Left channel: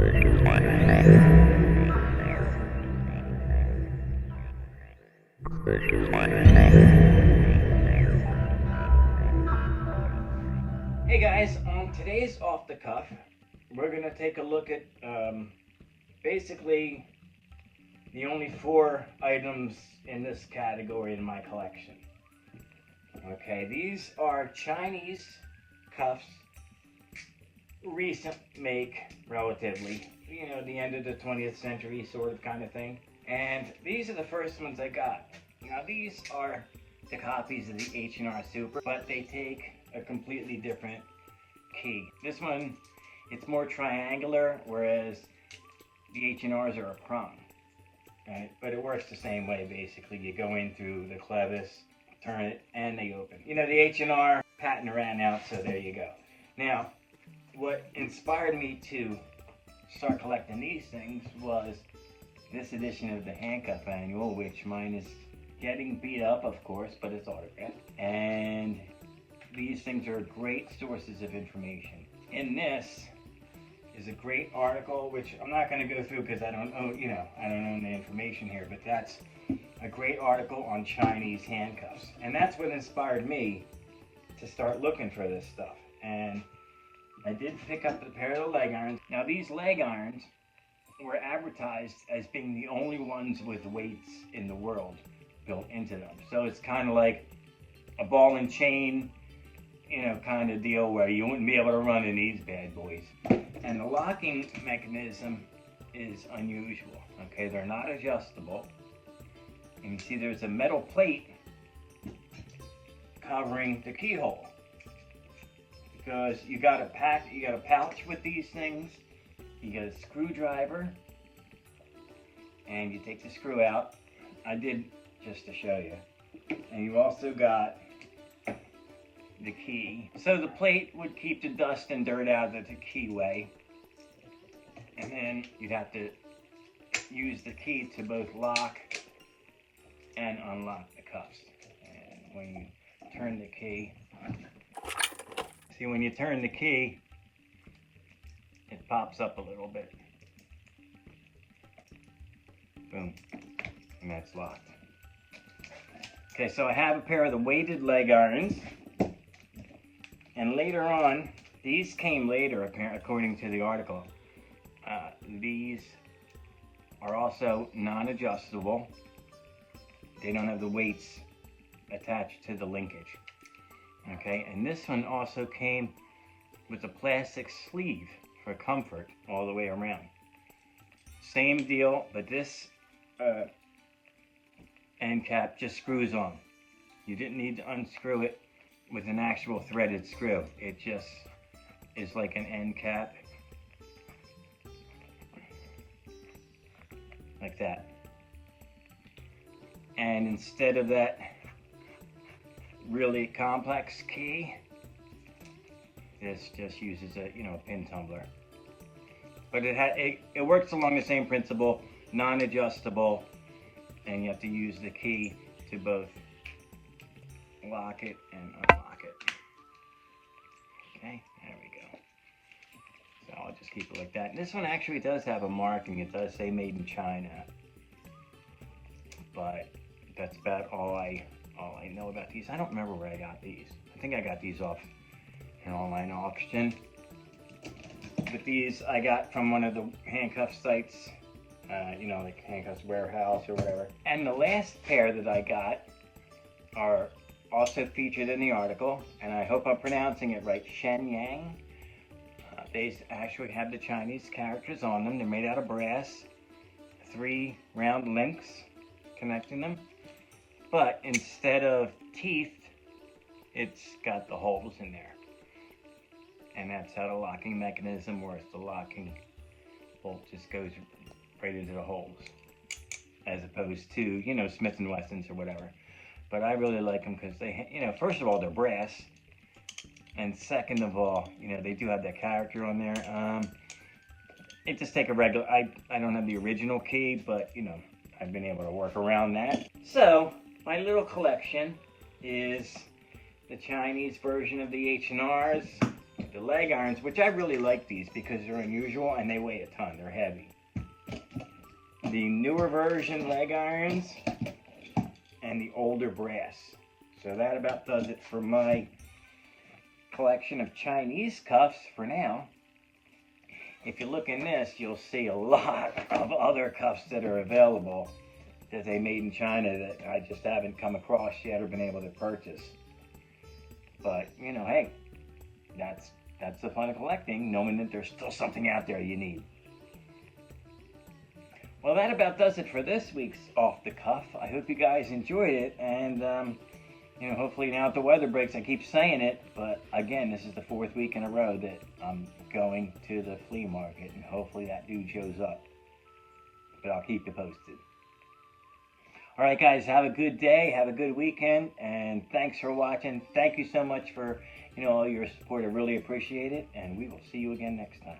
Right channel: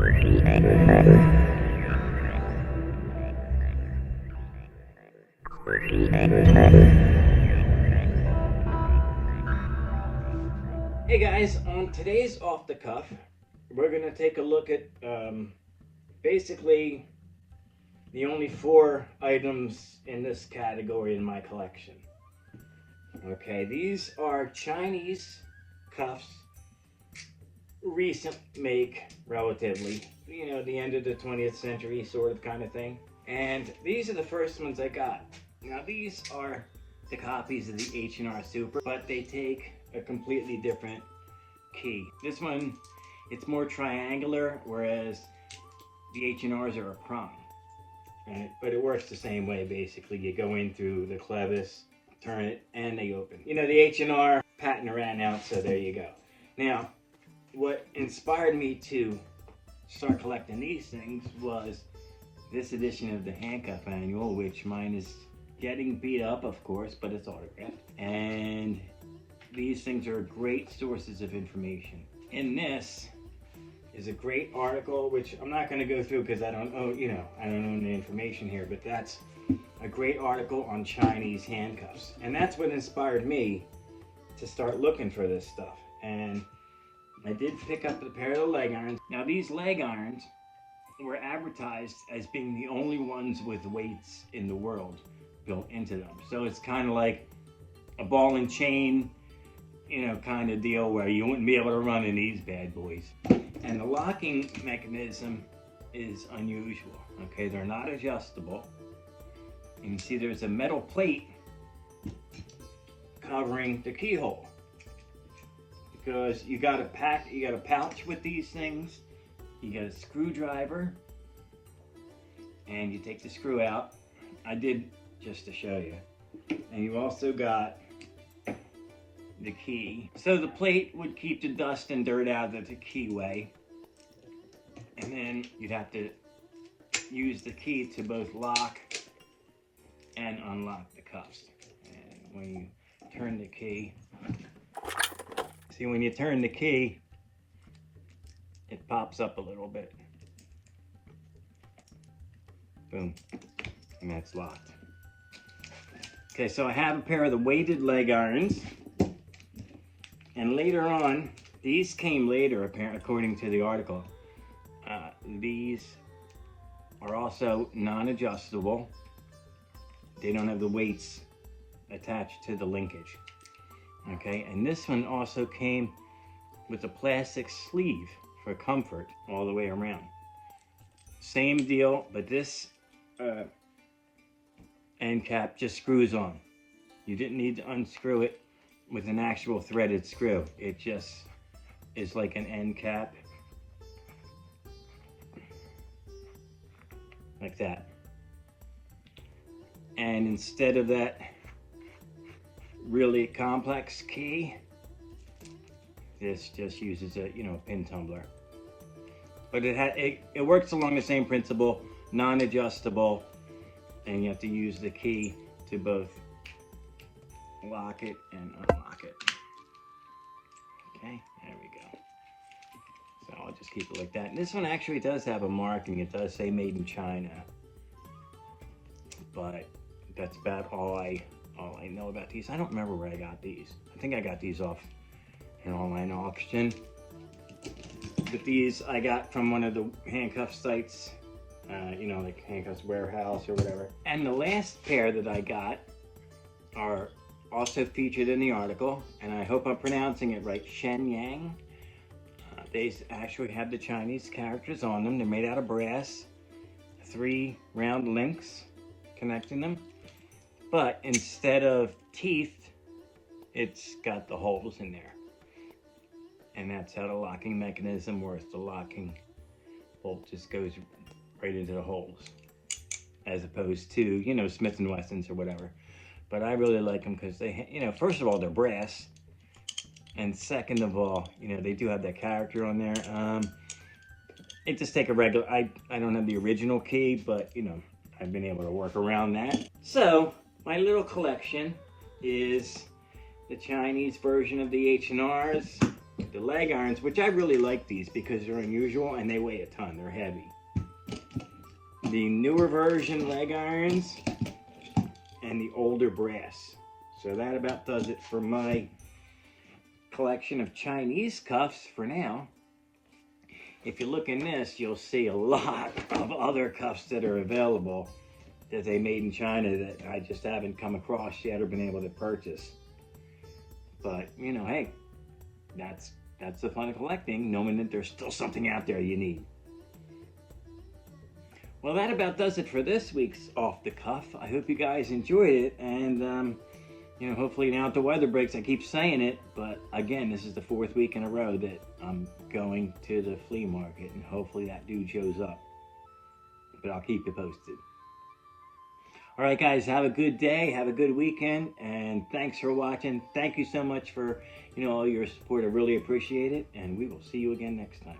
Hey guys, on today's Off the Cuff, we're going to take a look at basically the only 4 items in this category in my collection. Okay, these are Chinese cuffs, recent make, relatively, you know, the end of the 20th century sort of kind of thing. And these are the first ones I got. Now these are the copies of the H&R Super, but they take a completely different key. This one, it's more triangular, whereas the H&Rs are a prong. Right? But it works the same way, basically. You go in through the clevis, turn it, and they open. You know, the H&R patent ran out, so there you go. Now, what inspired me to start collecting these things was this edition of the Handcuff Manual, which mine is getting beat up, of course, but it's autographed. And these things are great sources of information. In this is a great article, which I'm not going to go through because I don't own the information here, but that's a great article on Chinese handcuffs. And that's what inspired me to start looking for this stuff. And I did pick up a pair of the leg irons. Now these leg irons were advertised as being the only ones with weights in the world built into them. So it's kind of like a ball and chain, you know, kind of deal where you wouldn't be able to run in these bad boys. And the locking mechanism is unusual. Okay, they're not adjustable. And you see there's a metal plate covering the keyhole. Because you got a pouch with these things, you get a screwdriver, and you take the screw out. I did just to show you. And you've also got the key. So the plate would keep the dust and dirt out of the keyway. And then you'd have to use the key to both lock and unlock the cuffs. And when you turn the key, see, when you turn the key, it pops up a little bit. Boom. And that's locked. Okay, so I have a pair of the weighted leg irons. And later on, these came later, according to the article. These are also non-adjustable. They don't have the weights attached to the linkage. Okay, and this one also came with a plastic sleeve for comfort all the way around. Same deal, but this end cap just screws on. You didn't need to unscrew it with an actual threaded screw. It just is like an end cap. Like that. And instead of that really complex key, this just uses a pin tumbler. But it works along the same principle, non-adjustable, and you have to use the key to both lock it and unlock it. Okay, there we go. So I'll just keep it like that. And this one actually does have a marking. It does say made in China. But that's about all I know about these. I don't remember where I got these. I think I got these off an online auction. But these I got from one of the handcuff sites, like Handcuffs Warehouse or whatever. And the last pair that I got are also featured in the article, and I hope I'm pronouncing it right, Shenyang. They actually have the Chinese characters on them. They're made out of brass, 3 round links connecting them. But instead of teeth, it's got the holes in there. And that's how the locking mechanism works. The locking bolt just goes right into the holes, as opposed to, Smith & Wessons or whatever. But I really like them because they, first of all, they're brass. And second of all, they do have that character on there. It just take a regular, I don't have the original key, but, I've been able to work around that. So, my little collection is the Chinese version of the H&Rs, the leg irons, which I really like these because they're unusual and they weigh a ton. They're heavy. The newer version leg irons and the older brass. So that about does it for my collection of Chinese cuffs for now. If you look in this, you'll see a lot of other cuffs that are available that they made in China that I just haven't come across yet or been able to purchase. But, you know, hey, that's the fun of collecting, knowing that there's still something out there you need. Well, that about does it for this week's Off the Cuff. I hope you guys enjoyed it, and you know, hopefully now that the weather breaks, I keep saying it, but again, this is the 4th week in a row that I'm going to the flea market, and hopefully that dude shows up. But I'll keep you posted. All right, guys, have a good day, have a good weekend, and thanks for watching. Thank you so much for, you know, all your support. I really appreciate it, and we will see you again next time.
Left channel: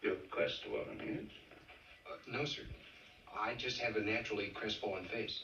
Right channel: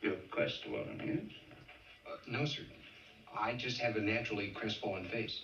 You have crestfallen hands? No, sir. I just have a naturally crestfallen face.